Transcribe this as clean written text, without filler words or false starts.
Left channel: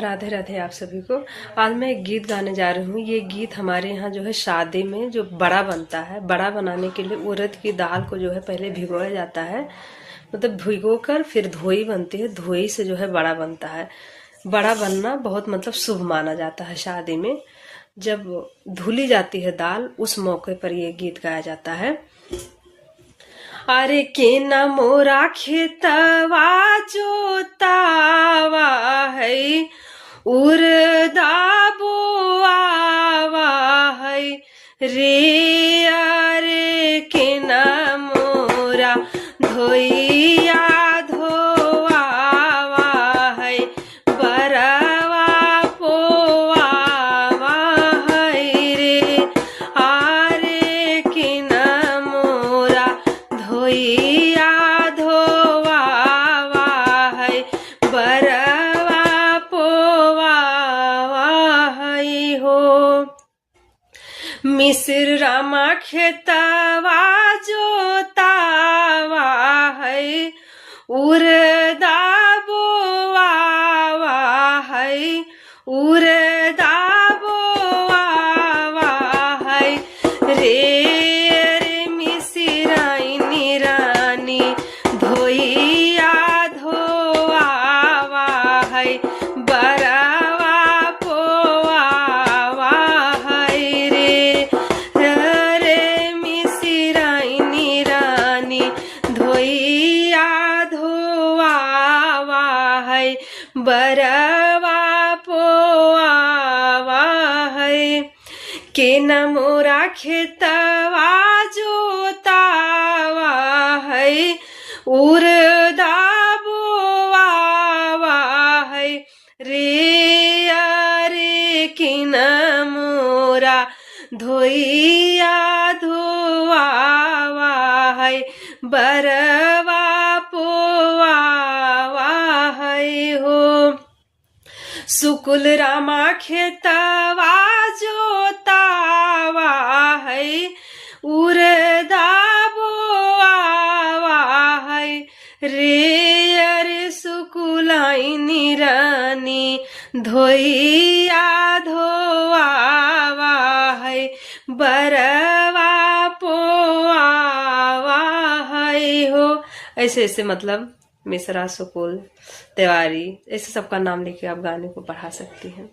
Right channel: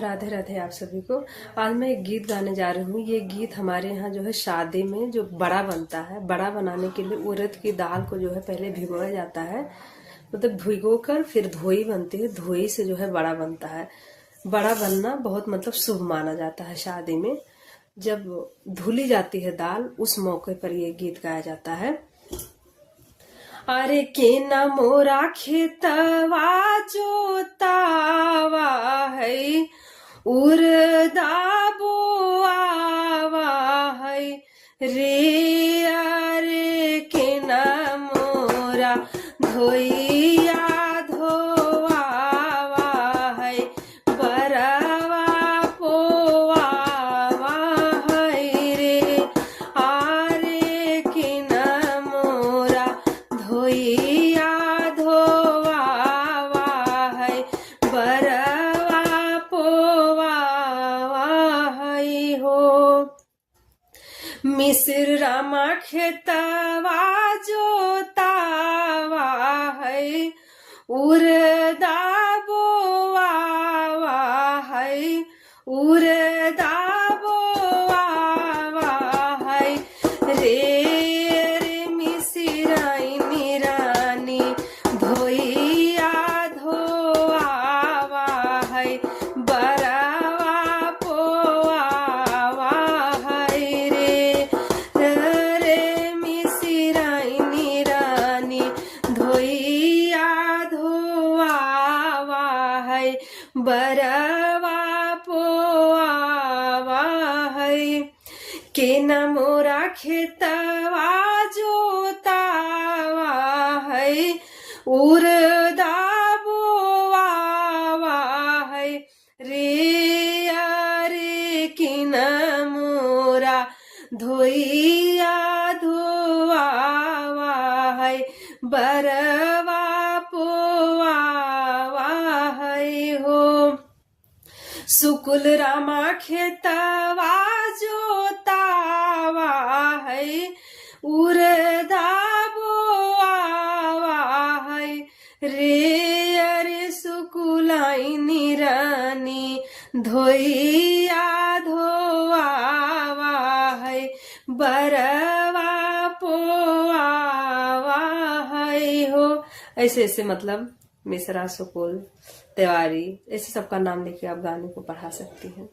राधे राधे आप सभी को। आज मैं एक गीत गाने जा रही हूँ। ये गीत हमारे यहाँ जो है शादी में जो बड़ा बनता है, बड़ा बनाने के लिए उड़द की दाल को जो है पहले भिगोया जाता है। मतलब भिगो कर फिर धोई बनती है, धोई से जो है बड़ा बनता है। बड़ा बनना बहुत मतलब शुभ माना जाता है। शादी में जब धुली जाती है दाल, उस मौके पर ये गीत गाया जाता है। अरे के न मोरा खेतवा जोतावा है, उरदा बोआवा है रे। अरे के न मोरा धोइया धोआवा है, बरवा पोआवा है रे। अरे के न मोरा धोइया धोआवा है, बरवा पोआवा है हो। मिस्र रामा खेतवा जोतावा है, उरदा बोआवा है, उरदा बोआवा है रे। रे मिस्राइनी रानी धोइया धोआवा है, बरवा पोआवा है रे। रे मिस्राइनी रानी धोइया धोआवा है, बरवा पोआवा है। के न मोरा खेतवा जोतावा है, उरदा बोआवा है रे। अरे के न मोरा धोइया धोआवा है, बरवा पोआवा है हो। सुकुल रामा खेतवा जोतावा है, उरदा बोआवा है रे। अरे सुकुलाइनी रानी धोइया धोआवा है, बरवा पोआवा है हो। ऐसे ऐसे मतलब मिश्रा, सुकुल, तिवारी, ऐसे सबका नाम लेके आप गाने को पढ़ा सकती हैं।